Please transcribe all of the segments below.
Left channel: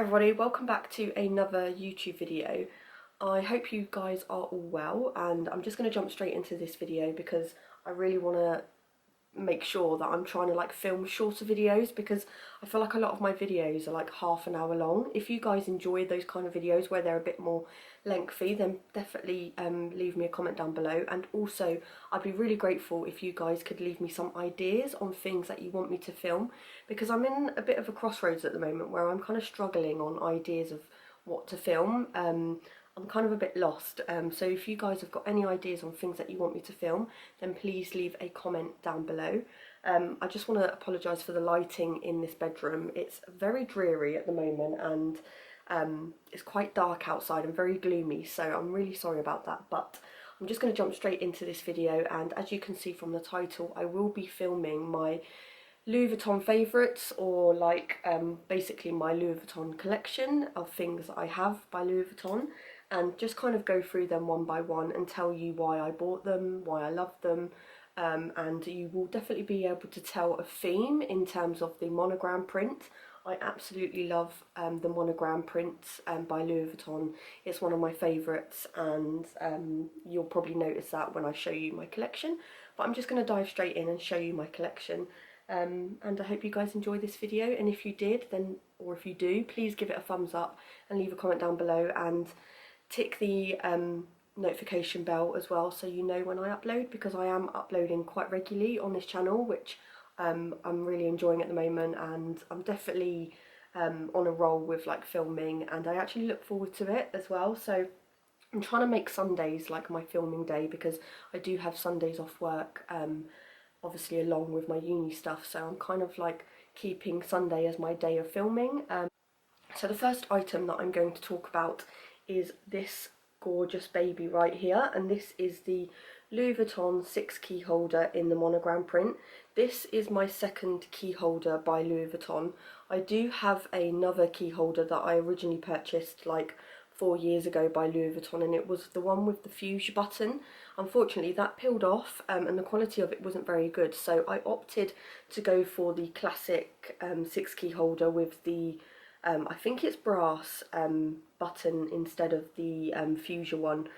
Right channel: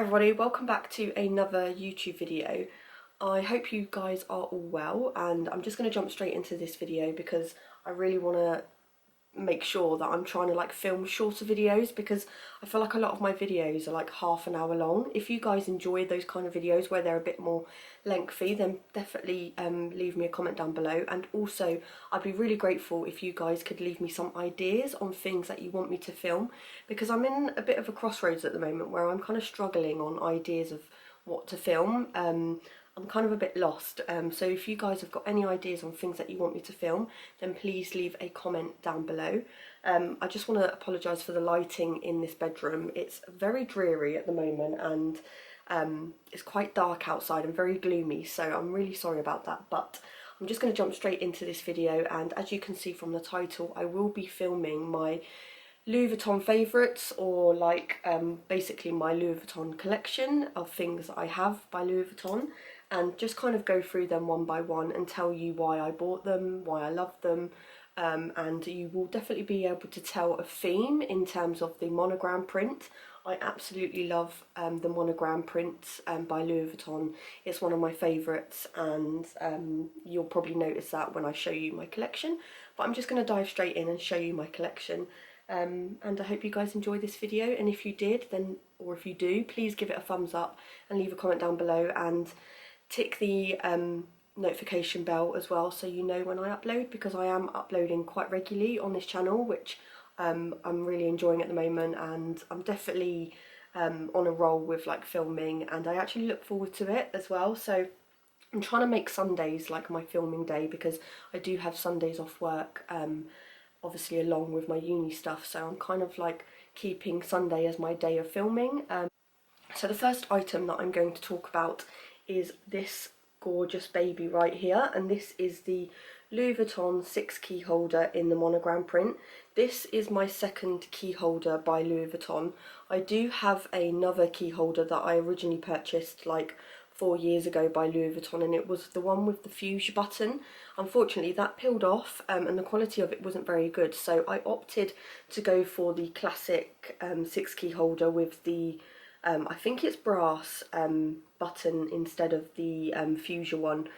everybody, welcome back to another YouTube video. I hope you guys are all well, and I'm just going to jump straight into this video because I really want to make sure that I'm trying to film shorter videos, because I feel like a lot of my videos are like half an hour long. If you guys enjoy those kind of videos where they're a bit more lengthy, then definitely leave me a comment down below. And also I'd be really grateful if you guys could leave me some ideas on things that you want me to film, because I'm in a bit of a crossroads at the moment where I'm kind of struggling on ideas of what to film. I'm kind of a bit lost, so if you guys have got any ideas on things that you want me to film, then please leave a comment down below. I just want to apologise for the lighting in this bedroom. It's very dreary at the moment, and it's quite dark outside and very gloomy, so I'm really sorry about that. But I'm just going to jump straight into this video, and as you can see from the title, I will be filming my Louis Vuitton favourites, or basically my Louis Vuitton collection of things that I have by Louis Vuitton, and just kind of go through them one by one and tell you why I bought them, why I love them, and you will definitely be able to tell a theme in terms of the monogram print. I absolutely love the monogram print by Louis Vuitton. It's one of my favourites, and you'll probably notice that when I show you my collection. But I'm just going to dive straight in and show you my collection. And I hope you guys enjoy this video, and if you did, then, or if you do, please give it a thumbs up and leave a comment down below, and tick the notification bell as well, so you know when I upload, because I am uploading quite regularly on this channel, which I'm really enjoying at the moment, and I'm definitely on a roll with filming, and I actually look forward to it as well. So I'm trying to make Sundays like my filming day, because I do have Sundays off work, obviously along with my uni stuff, so I'm kind of keeping Sunday as my day of filming. So the first item that I'm going to talk about is this gorgeous baby right here, and this is the Louis Vuitton 6 key holder in the monogram print. This is my second key holder by Louis Vuitton. I do have another key holder that I originally purchased 4 years ago by Louis Vuitton, and it was the one with the fuse button. Unfortunately that peeled off, and the quality of it wasn't very good, so I opted to go for the classic 6 key holder with the I think it's brass button instead of the fuchsia one,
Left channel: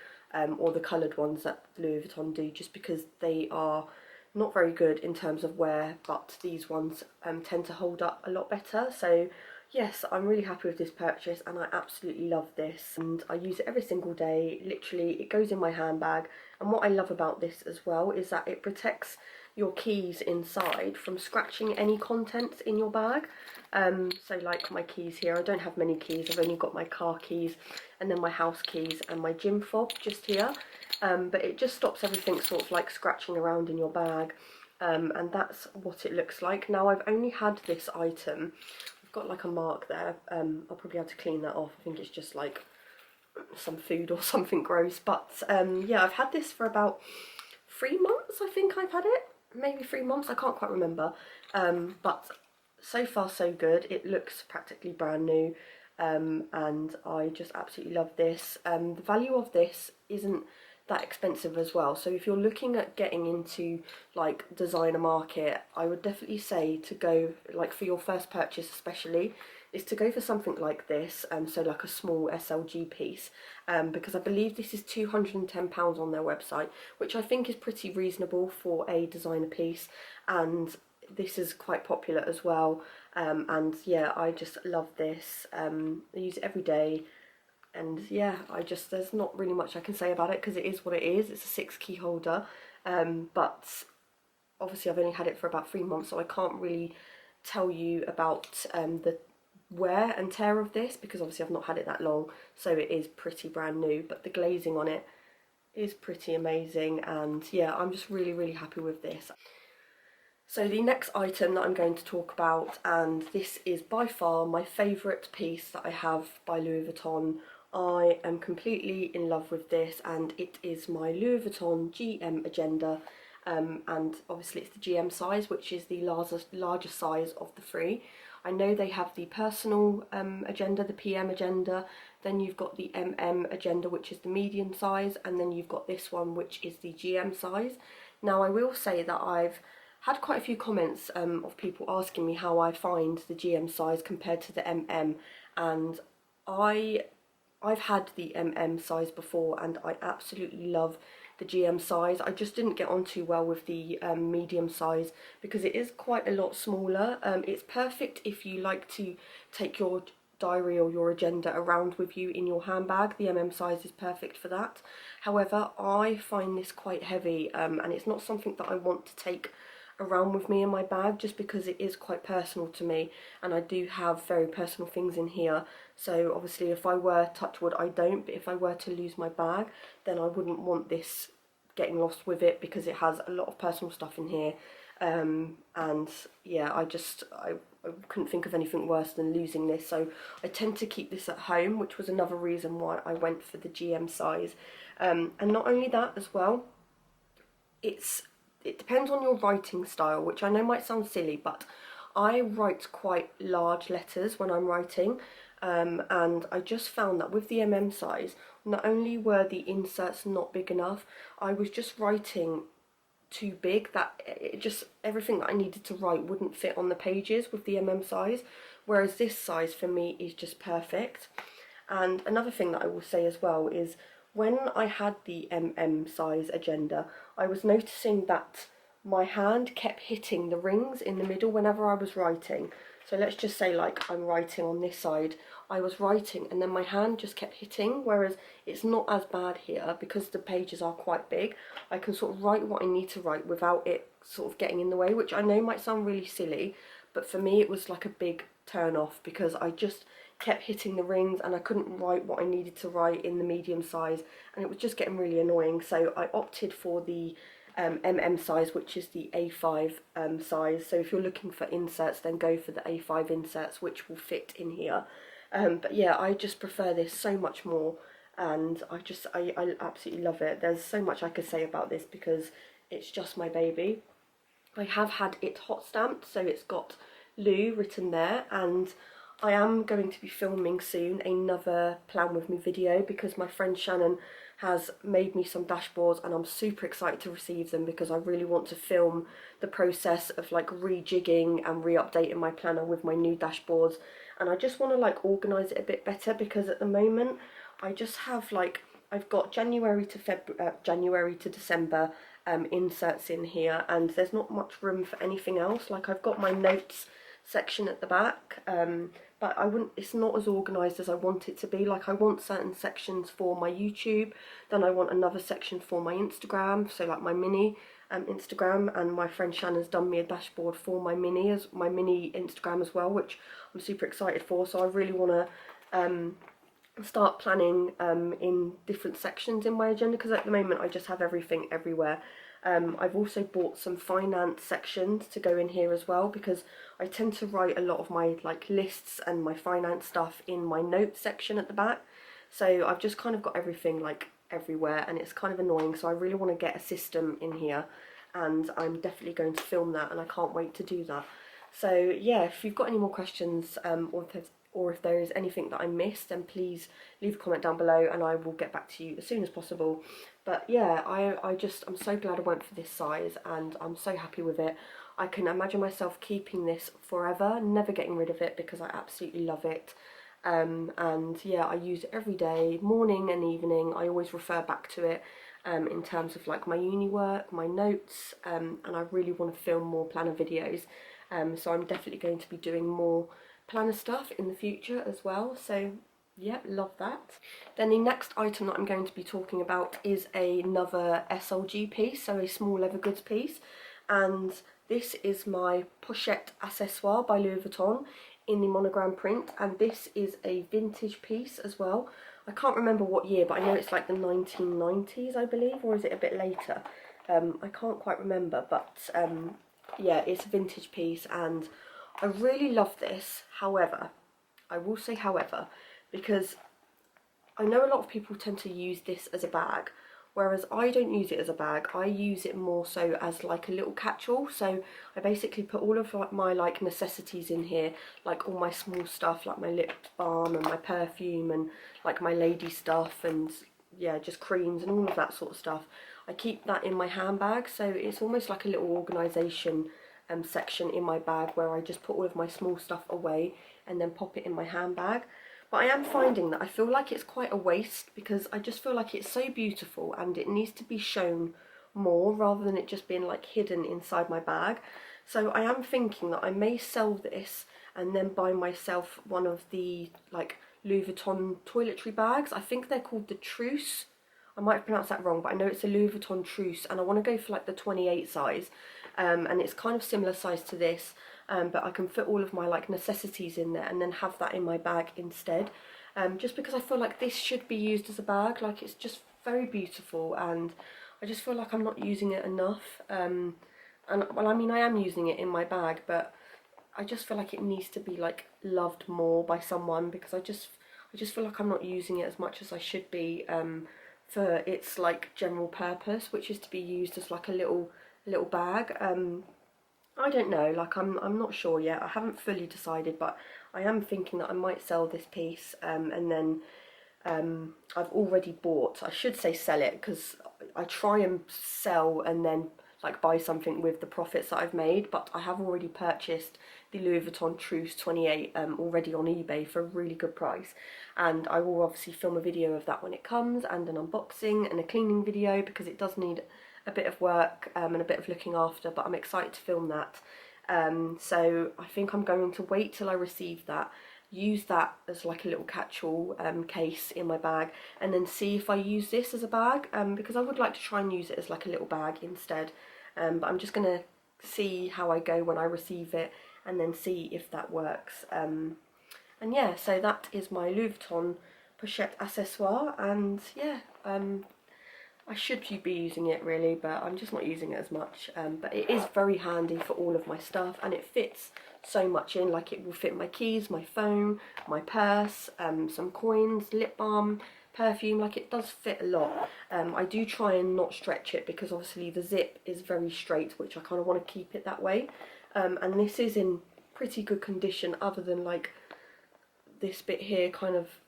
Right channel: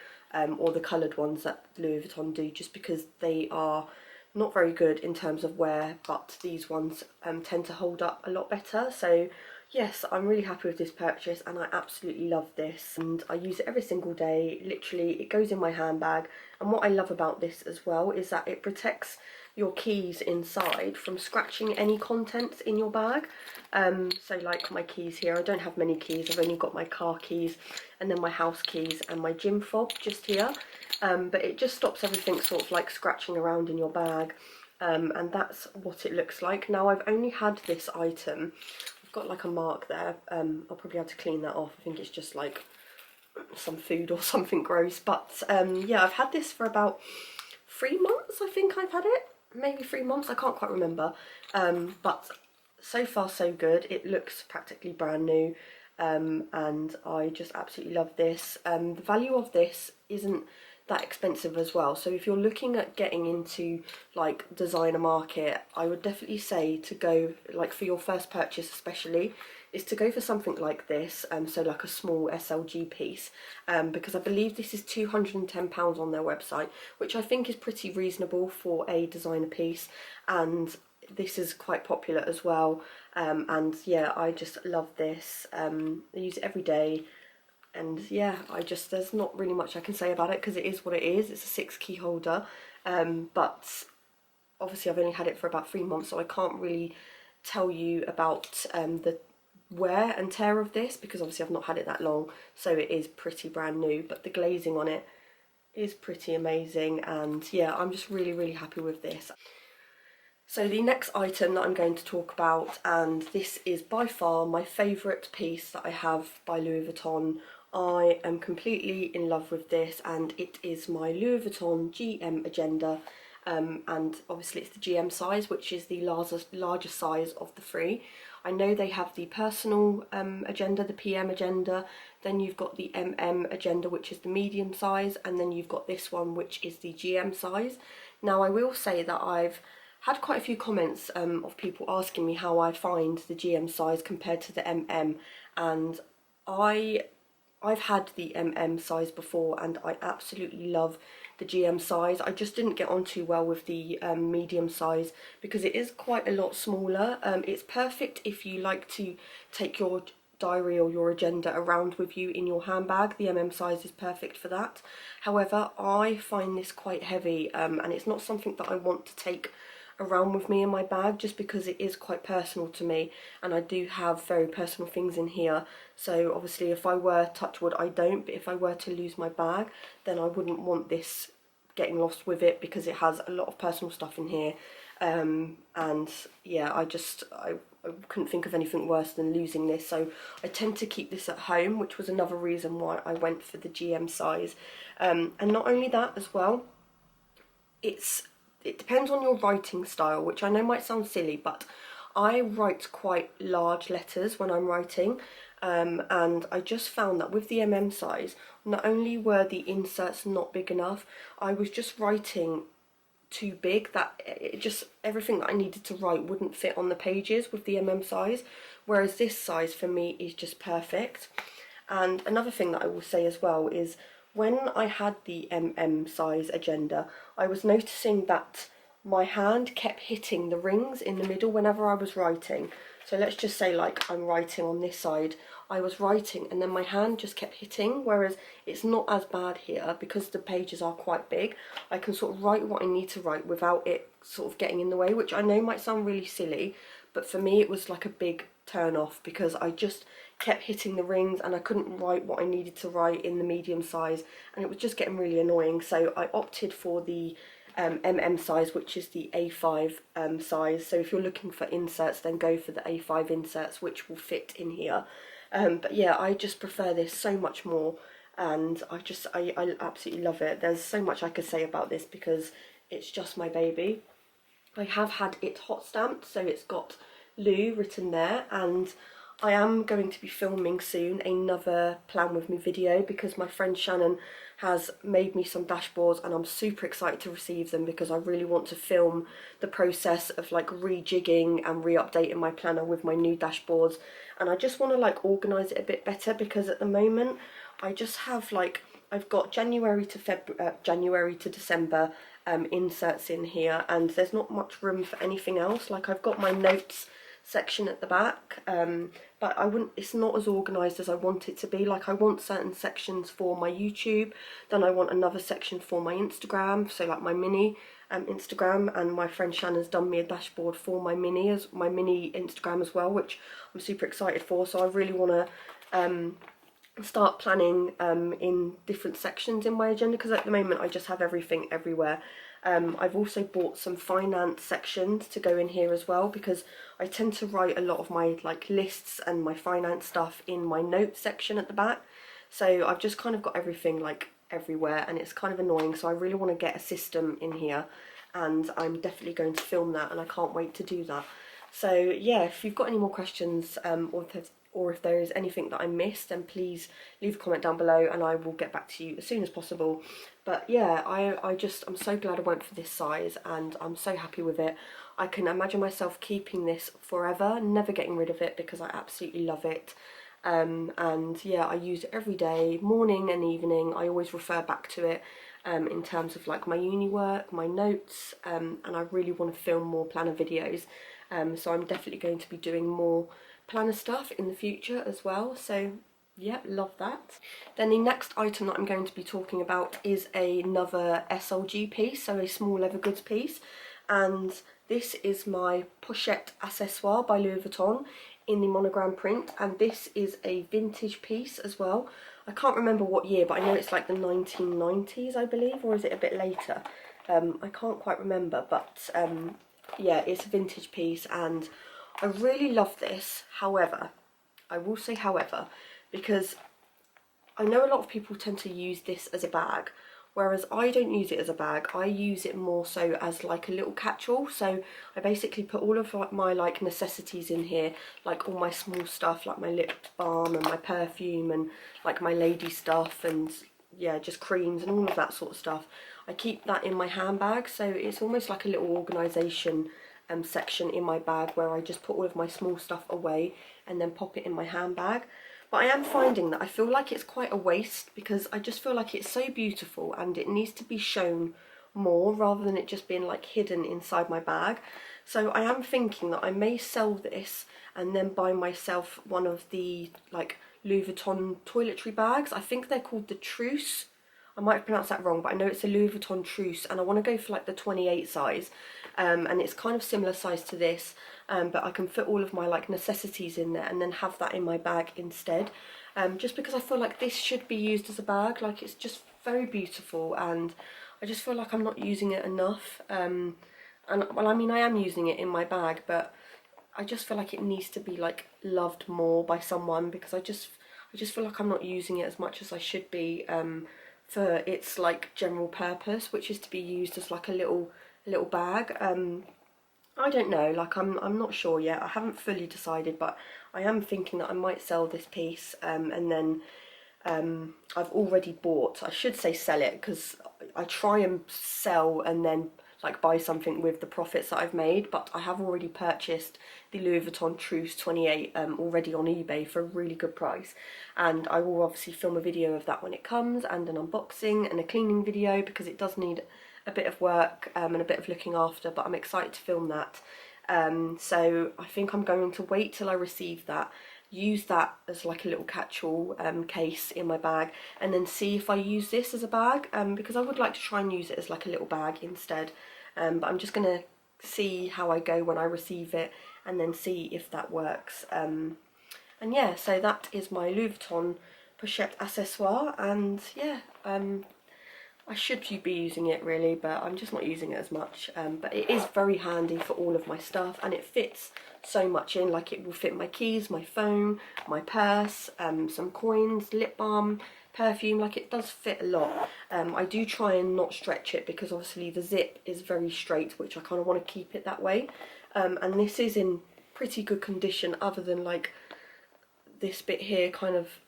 or the coloured ones that Louis Vuitton do, just because they are not very good in terms of wear, but these ones tend to hold up a lot better. So yes, I'm really happy with this purchase, and I absolutely love this, and I use it every single day. Literally, it goes in my handbag, and what I love about this as well is that it protects your keys inside from scratching any contents in your bag. So like my keys here, I don't have many keys, I've only got my car keys and then my house keys and my gym fob just here, but it just stops everything sort of scratching around in your bag, and that's what it looks like. Now I've only had this item, I've got a mark there, I'll probably have to clean that off. I think it's just some food or something gross, but yeah, I've had this for about 3 months. I think I've had it, maybe 3 months, I can't quite remember, but so far so good. It looks practically brand new, and I just absolutely love this. The value of this isn't that expensive as well, so if you're looking at getting into designer market, I would definitely say to go, for your first purchase especially, is to go for something like this, so a small SLG piece, because I believe this is £210 on their website, which I think is pretty reasonable for a designer piece, and this is quite popular as well, and yeah, I just love this. I use it every day, and yeah, there's not really much I can say about it, because it is what it is. It's a 6 key holder, but obviously I've only had it for about 3 months, so I can't really tell you about the wear and tear of this, because obviously I've not had it that long, so it is pretty brand new, but the glazing on it is pretty amazing, and yeah, I'm just really happy with this. So the next item that I'm going to talk about, and this is by far my favourite piece that I have by Louis Vuitton. I am completely in love with this, and it is my Louis Vuitton GM Agenda, and obviously it's the GM size, which is the larger size of the three. I know they have the personal agenda, the PM agenda, then you've got the MM agenda, which is the medium size, and then you've got this one, which is the GM size. Now I will say that I've had quite a few comments of people asking me how I find the GM size compared to the MM, and I've had the size before, and I absolutely love the GM size. I just didn't get on too well with the medium size because it is quite a lot smaller. It's perfect if you like to take your diary or your agenda around with you in your handbag. The size is perfect for that. However, I find this quite heavy, and it's not something that I want to take around with me in my bag, just because it is quite personal to me, and I do have very personal things in here. So obviously if I were, touch wood I don't, but if I were to lose my bag, then I wouldn't want this getting lost with it, because it has a lot of personal stuff in here. And yeah, I couldn't think of anything worse than losing this, so I tend to keep this at home, which was another reason why I went for the GM size. And not only that as well, it depends on your writing style, which I know might sound silly, but I write quite large letters when I'm writing, and I just found that with the size, not only were the inserts not big enough, I was just writing too big, that it just, everything that I needed to write wouldn't fit on the pages with the size, whereas this size for me is just perfect. And another thing that I will say as well is, when I had the size agenda, I was noticing that my hand kept hitting the rings in the middle whenever I was writing. So let's just say, like, I'm writing on this side, I was writing and then my hand just kept hitting, whereas it's not as bad here because the pages are quite big. I can sort of write what I need to write without it sort of getting in the way, which I know might sound really silly, but for me it was like a big turn off, because I just kept hitting the rings and I couldn't write what I needed to write in the medium size, and it was just getting really annoying. So I opted for the size, which is the A5 size. So if you're looking for inserts, then go for the A5 inserts, which will fit in here. But yeah, I just prefer this so much more, and I absolutely love it. There's so much I could say about this because it's just my baby. I have had it hot stamped, so it's got Lou written there, and I am going to be filming soon another Plan With Me video, because my friend Shannon has made me some dashboards and I'm super excited to receive them, because I really want to film the process of like rejigging and re-updating my planner with my new dashboards, and I just want to like organise it a bit better, because at the moment I just have like, I've got January to December inserts in here, and there's not much room for anything else. Like, I've got my notes section at the back, but it's not as organised as I want it to be. Like, I want certain sections for my YouTube, then I want another section for my Instagram, so like my mini Instagram, and my friend Shannon's done me a dashboard for my mini Instagram as well, which I'm super excited for. So I really want to start planning in different sections in my agenda, because at the moment I just have everything everywhere. I've also bought some finance sections to go in here as well, because I tend to write a lot of my like lists and my finance stuff in my notes section at the back. So I've just kind of got everything like everywhere, and it's kind of annoying. So I really want to get a system in here, and I'm definitely going to film that, and I can't wait to do that. So yeah, if you've got any more questions, or if there is anything that I missed, then please leave a comment down below and I will get back to you as soon as possible. But yeah, I'm so glad I went for this size, and I'm so happy with it. I can imagine myself keeping this forever, never getting rid of it, because I absolutely love it. And yeah, I use it every day, morning and evening. I always refer back to it in terms of like my uni work, my notes, and I really want to film more planner videos. So I'm definitely going to be doing more planner stuff in the future as well. So yeah, love that. Then the next item that I'm going to be talking about is another SLG piece, so a small leather goods piece, and this is my pochette accessoire by Louis Vuitton in the monogram print, and this is a vintage piece as well. I can't remember what year, but I know it's like the 1990s, I believe, or is it a bit later? I can't quite remember, but yeah, it's a vintage piece and I really love this. However, I will say however, because I know a lot of people tend to use this as a bag, whereas I don't use it as a bag. I use it more so as like a little catch-all. So I basically put all of like my like necessities in here, like all my small stuff, like my lip balm and my perfume and like my lady stuff, and yeah, just creams and all of that sort of stuff. I keep that in my handbag, so it's almost like a little organisation section in my bag where I just put all of my small stuff away and then pop it in my handbag. But I am finding that I feel like it's quite a waste, because I just feel like it's so beautiful and it needs to be shown more rather than it just being like hidden inside my bag. So I am thinking that I may sell this and then buy myself one of the like Louis Vuitton toiletry bags. I think they're called the Trousse. I might have pronounced that wrong, but I know it's a Louis Vuitton Trousse, and I want to go for like the 28 size, and it's kind of similar size to this, but I can fit all of my like necessities in there and then have that in my bag instead, just because I feel like this should be used as a bag. Like, it's just very beautiful and I just feel like I'm not using it enough, and well, I mean, I am using it in my bag, but I just feel like it needs to be like loved more by someone, because I just feel like I'm not using it as much as I should be, for its like general purpose, which is to be used as like a little bag. I don't know, like I'm not sure yet. I haven't fully decided, but I am thinking that I might sell this piece, and then I've already bought, I should say sell it, because I try and sell and then like buy something with the profits that I've made, but I have already purchased the Louis Vuitton Trousse 28 already on eBay for a really good price, and I will obviously film a video of that when it comes, and an unboxing and a cleaning video, because it does need a bit of work and a bit of looking after, but I'm excited to film that. So I think I'm going to wait till I receive that, use that as like a little catch-all case in my bag, and then see if I use this as a bag, because I would like to try and use it as like a little bag instead, but I'm just going to see how I go when I receive it and then see if that works. And yeah, so that is my Louis Vuitton pochette accessoire, and yeah, I should be using it really, but I'm just not using it as much, but it is very handy for all of my stuff, and it fits so much in. Like, it will fit my keys, my phone, my purse, some coins, lip balm, perfume. Like, it does fit a lot. I do try and not stretch it, because obviously the zip is very straight, which I kind of want to keep it that way, and this is in pretty good condition, other than like this bit here kind of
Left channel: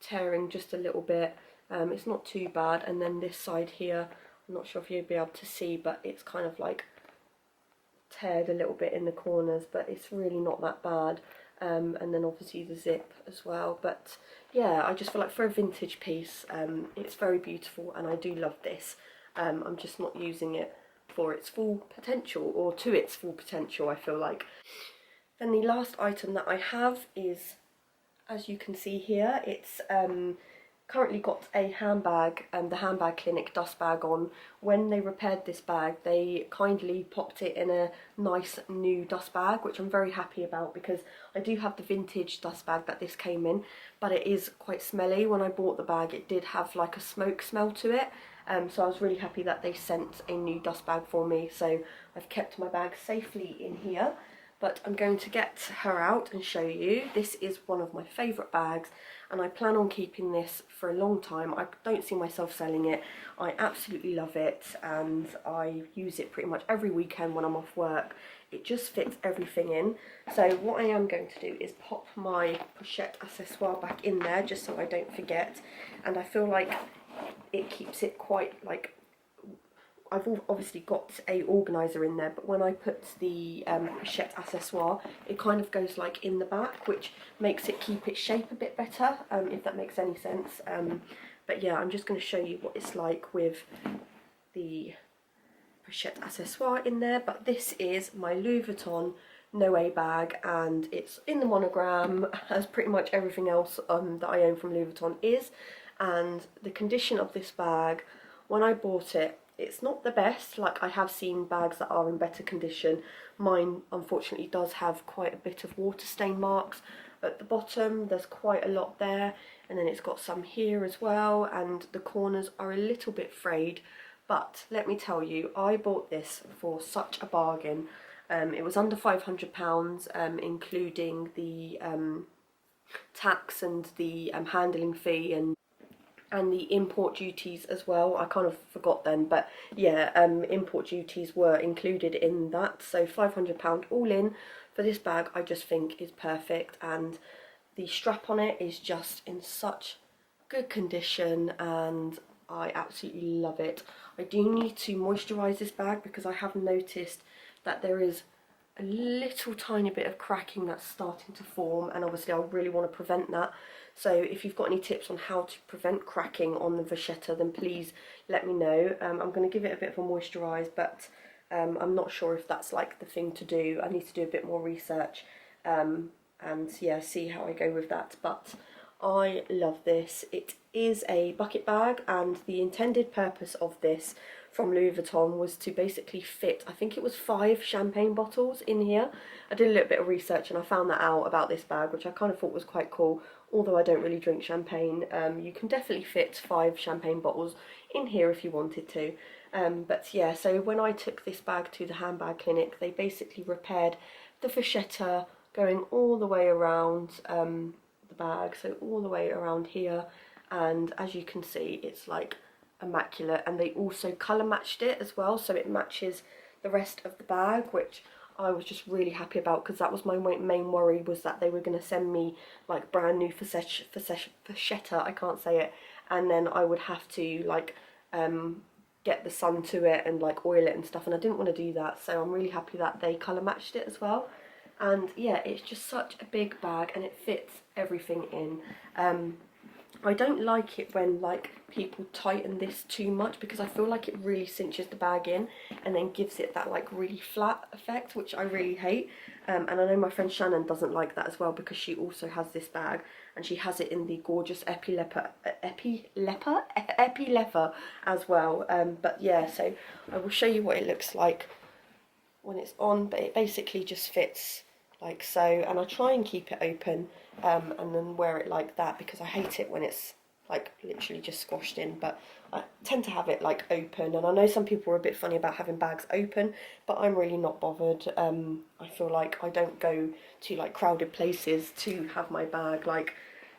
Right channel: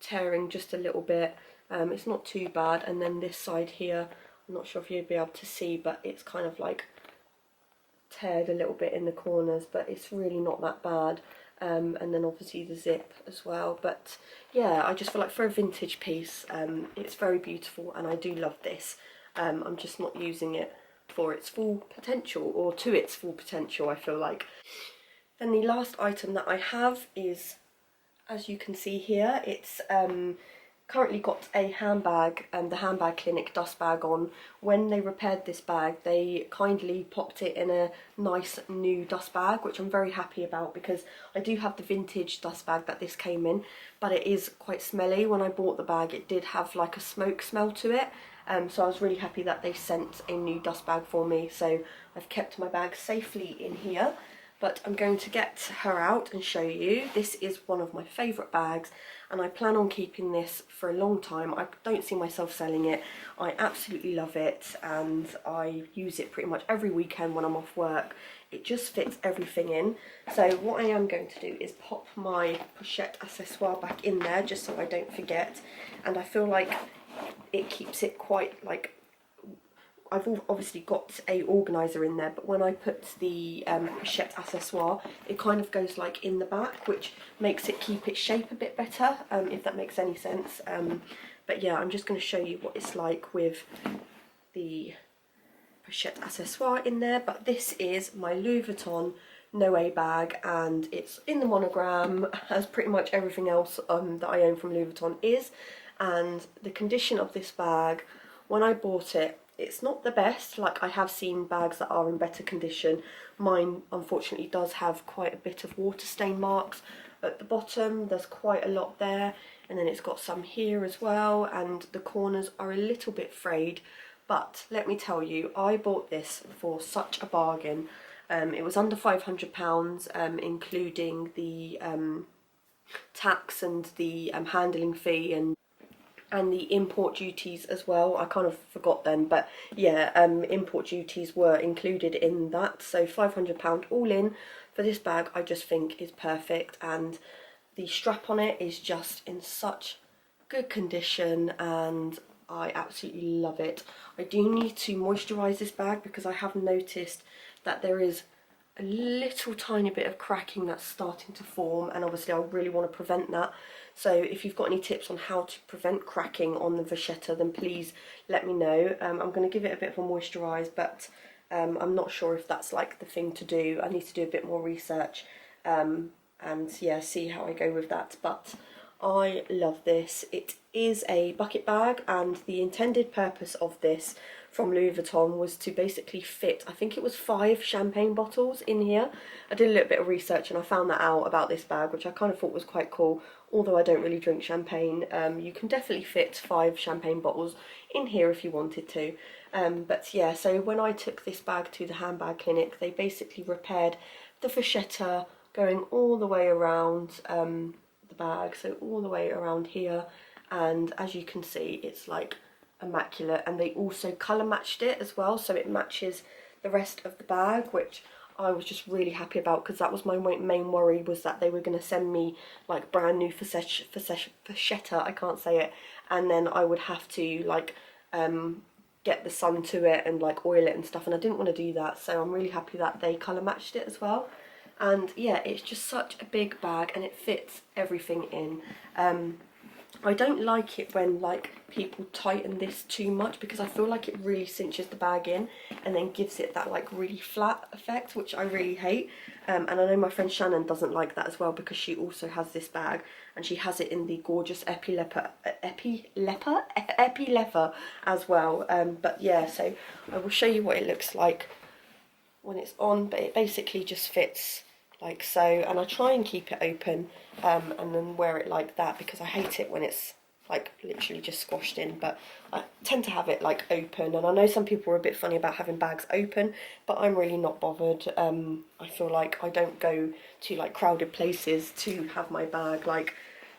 tearing just a little bit. It's not too bad, and then this side here, I'm not sure if you'll be able to see, but it's kind of like teared a little bit in the corners, but it's really not that bad. And then obviously the zip as well. But yeah, I just feel like for a vintage piece, it's very beautiful, and I do love this. I'm just not using it for its full potential, or to its full potential, I feel like. Then the last item that I have is, as you can see here, it's currently got a handbag, and the Handbag Clinic dust bag on. When they repaired this bag, they kindly popped it in a nice new dust bag, which I'm very happy about, because I do have the vintage dust bag that this came in, but it is quite smelly. When I bought the bag, it did have like a smoke smell to it, so I was really happy that they sent a new dust bag for me. So I've kept my bag safely in here, but I'm going to get her out and show you. This is one of my favourite bags, and I plan on keeping this for a long time. I don't see myself selling it. I absolutely love it, and I use it pretty much every weekend when I'm off work. It just fits everything in. So what I am going to do is pop my pochette accessoire back in there, just so I don't forget, and I feel like it keeps it quite like, I've obviously got a organiser in there, but when I put the pochette accessoire, it kind of goes like in the back, which makes it keep its shape a bit better, if that makes any sense. But yeah, I'm just going to show you what it's like with the pochette accessoire in there. But this is my Louis Vuitton NOE bag, and it's in the monogram, as pretty much everything else that I own from Louis Vuitton is. And the condition of this bag, when I bought it, it's not the best. Like, I have seen bags that are in better condition. Mine unfortunately does have quite a bit of water stain marks at the bottom. There's quite a lot there, and then it's got some here as well, and the corners are a little bit frayed. But let me tell you, I bought this for such a bargain. It was under £500, including the tax and the handling fee and the import duties as well. I kind of forgot then, but yeah, import duties were included in that. So £500 all in for this bag, I just think is perfect, and the strap on it is just in such good condition, and I absolutely love it. I do need to moisturise this bag, because I have noticed that there is a little tiny bit of cracking that's starting to form, and obviously I really want to prevent that. So if you've got any tips on how to prevent cracking on the vachetta, then please let me know. I'm going to give it a bit of a moisturise, but I'm not sure if that's like the thing to do. I need to do a bit more research and yeah, see how I go with that. But I love this. It is a bucket bag, and the intended purpose of this from Louis Vuitton was to basically fit, I think it was 5 champagne bottles in here. I did a little bit of research and I found that out about this bag, which I kind of thought was quite cool. Although I don't really drink champagne, you can definitely fit 5 champagne bottles in here if you wanted to. But yeah, so when I took this bag to the handbag clinic, they basically repaired the vachetta going all the way around the bag, so all the way around here, and as you can see, it's like immaculate. And they also colour matched it as well, so it matches the rest of the bag, which I was just really happy about, because that was my main worry, was that they were going to send me like brand new vachetta, I can't say it, and then I would have to like get the sun to it and like oil it and stuff, and I didn't want to do that. So I'm really happy that they colour matched it as well. And yeah, it's just such a big bag and it fits everything in. I don't like it when like people tighten this too much, because I feel like it really cinches the bag in and then gives it that like really flat effect, which I really hate. And I know my friend Shannon doesn't like that as well, because she also has this bag and she has it in the gorgeous epi leather as well. But yeah, so I will show you what it looks like when it's on, but it basically just fits like so, and I try and keep it open and then wear it like that, because I hate it when it's like literally just squashed in. But I tend to have it like open, and I know some people are a bit funny about having bags open, but I'm really not bothered. I feel like I don't go to like crowded places to have my bag like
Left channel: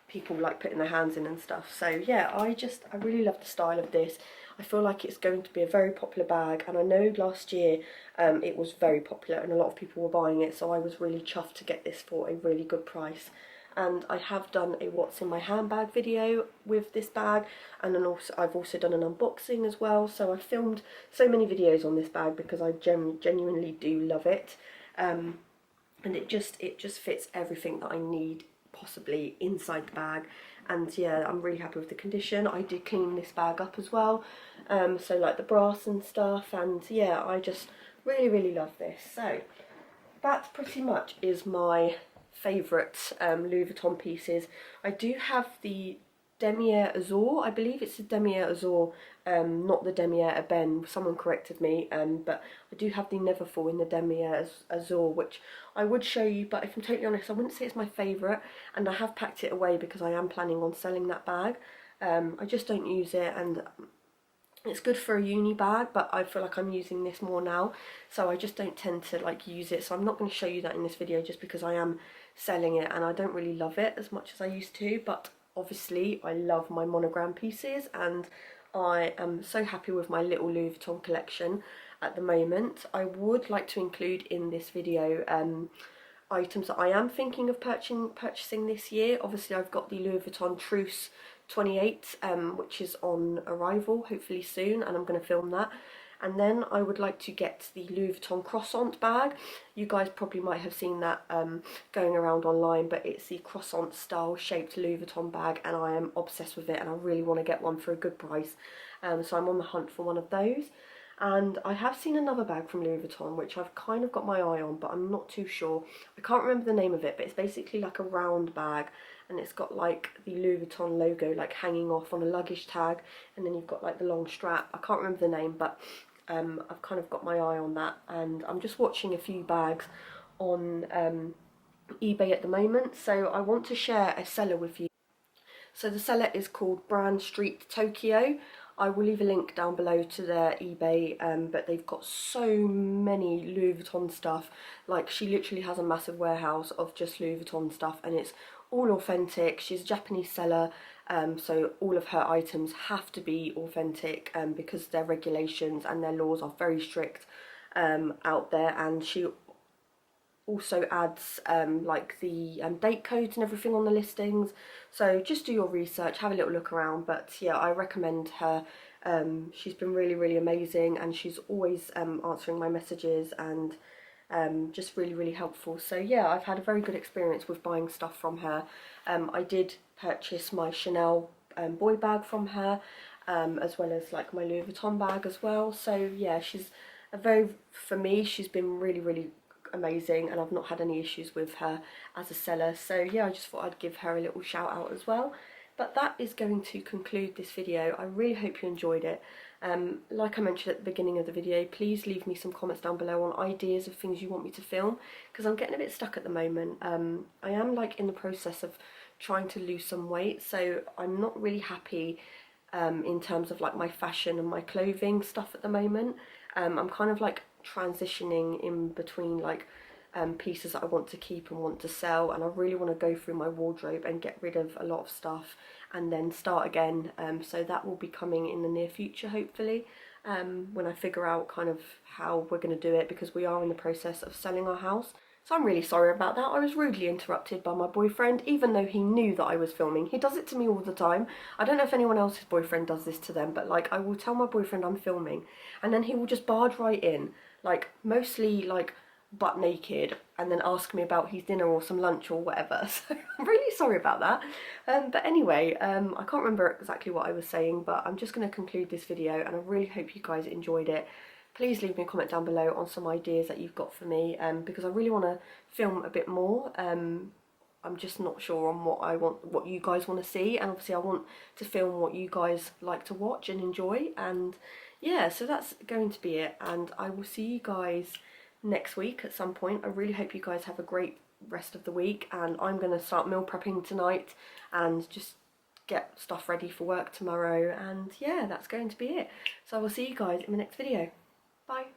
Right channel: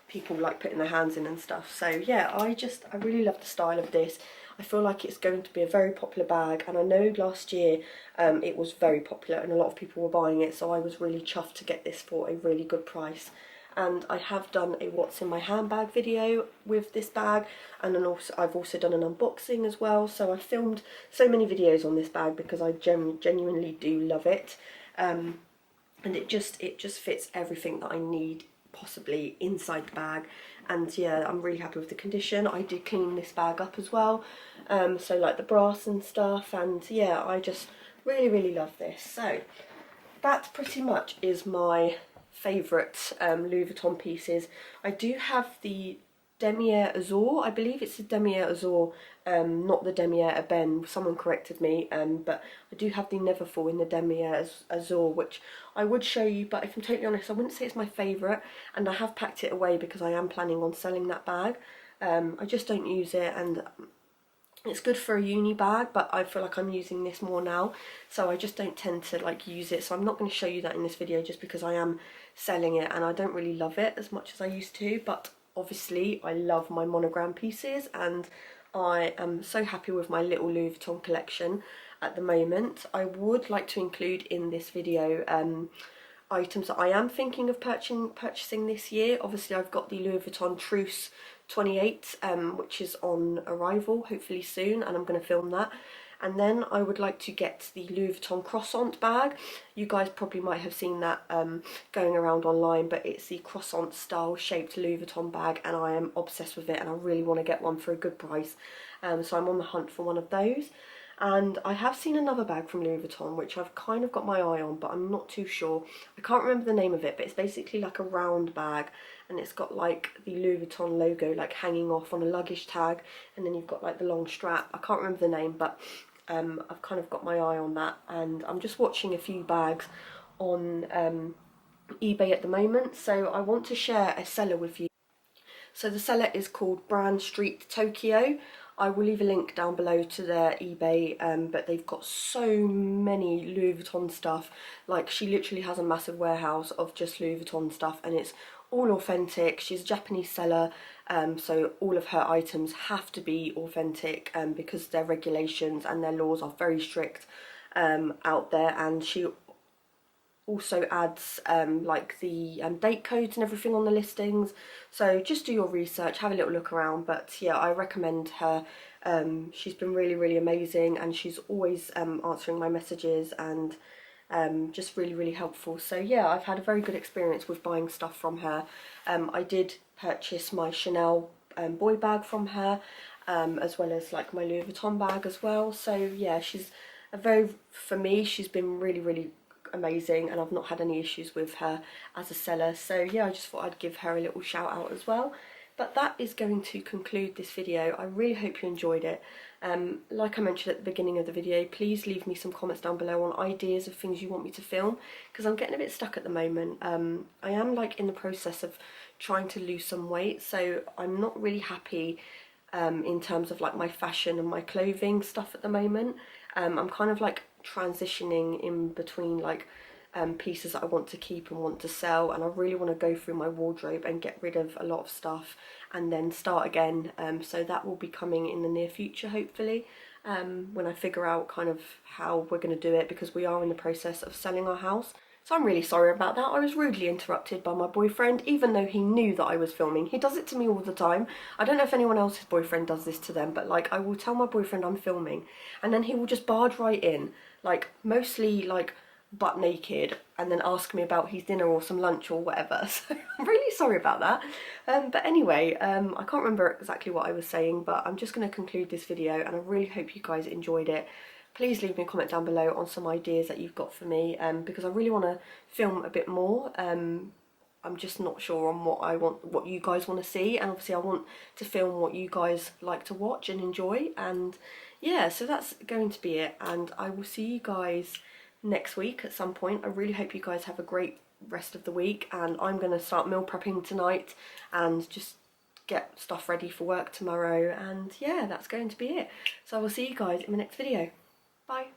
people like putting their hands in and stuff. So yeah, I really love the style of this. I feel like it's going to be a very popular bag, and I know last year it was very popular and a lot of people were buying it, so I was really chuffed to get this for a really good price. And I have done a what's in my handbag video with this bag, and then also I've also done an unboxing as well. So I filmed so many videos on this bag because I genuinely do love it, and it just fits everything that I need possibly inside the bag. And yeah, I'm really happy with the condition. I did clean this bag up as well, so like the brass and stuff, and yeah, I just really love this. So that pretty much is my favourite Louis Vuitton pieces. I do have the Demier Azur, I believe it's the Demier Azur, not the Demier Ebene, someone corrected me, but I do have the Neverfull in the Demier Azur, which I would show you, but if I'm totally honest, I wouldn't say it's my favourite, and I have packed it away because I am planning on selling that bag. I just don't use it, and it's good for a uni bag, but I feel like I'm using this more now, so I just don't tend to like use it. So I'm not going to show you that in this video, just because I am selling it and I don't really love it as much as I used to. But obviously I love my monogram pieces, and I am so happy with my little Louis Vuitton collection at the moment. I would like to include in this video items that I am thinking of purchasing this year. Obviously I've got the Louis Vuitton Trousse 28, which is on arrival hopefully soon, and I'm going to film that. And then I would like to get the Louis Vuitton croissant bag. You guys probably might have seen that going around online, but it's the croissant style shaped Louis Vuitton bag, and I am obsessed with it, and I really want to get one for a good price. So I'm on the hunt for one of those. And I have seen another bag from Louis Vuitton, which I've kind of got my eye on, but I'm not too sure. I can't remember the name of it, but it's basically like a round bag, and it's got like the Louis Vuitton logo like hanging off on a luggage tag, and then you've got like the long strap. I can't remember the name, but I've kind of got my eye on that, and I'm just watching a few bags on eBay at the moment, so I want to share a seller with you. So the seller is called Brand Street Tokyo. I will leave a link down below to their eBay, but they've got so many Louis Vuitton stuff. Like, she literally has a massive warehouse of just Louis Vuitton stuff, and it's all authentic. She's a Japanese seller, so all of her items have to be authentic, because their regulations and their laws are very strict out there. And she also adds like the date codes and everything on the listings, so just do your research, have a little look around. But yeah, I recommend her. She's been really amazing, and she's always answering my messages, and just really helpful. So yeah, I've had a very good experience with buying stuff from her. I did purchased my Chanel boy bag from her, as well as like my Louis Vuitton bag as well. So yeah, she's for me, she's been really amazing, and I've not had any issues with her as a seller. So yeah, I just thought I'd give her a little shout out as well. But that is going to conclude this video. I really hope you enjoyed it. Like I mentioned at the beginning of the video, please leave me some comments down below on ideas of things you want me to film, because I'm getting a bit stuck at the moment. I am like in the process of trying to lose some weight, so I'm not really happy in terms of like my fashion and my clothing stuff at the moment. I'm kind of like transitioning in between like pieces that I want to keep and want to sell, and I really want to go through my wardrobe and get rid of a lot of stuff and then start again. So that will be coming in the near future, hopefully, when I figure out kind of how we're going to do it, because we are in the process of selling our house. So I'm really sorry about that. I was rudely interrupted by my boyfriend, even though he knew that I was filming. He does it to me all the time. I don't know if anyone else's boyfriend does this to them, but like I will tell my boyfriend I'm filming, and then he will just barge right in, like mostly like butt naked, and then ask me about his dinner or some lunch or whatever. So I'm really sorry about that. But anyway, I can't remember exactly what I was saying, but I'm just going to conclude this video, and I really hope you guys enjoyed it. Please leave me a comment down below on some ideas that you've got for me, because I really want to film a bit more. I'm just not sure on what you guys want to see, and obviously I want to film what you guys like to watch and enjoy. And yeah, so that's going to be it, and I will see you guys next week at some point. I really hope you guys have a great rest of the week, and I'm going to start meal prepping tonight and just get stuff ready for work tomorrow. And yeah, that's going to be it. So I will see you guys in the next video. Bye.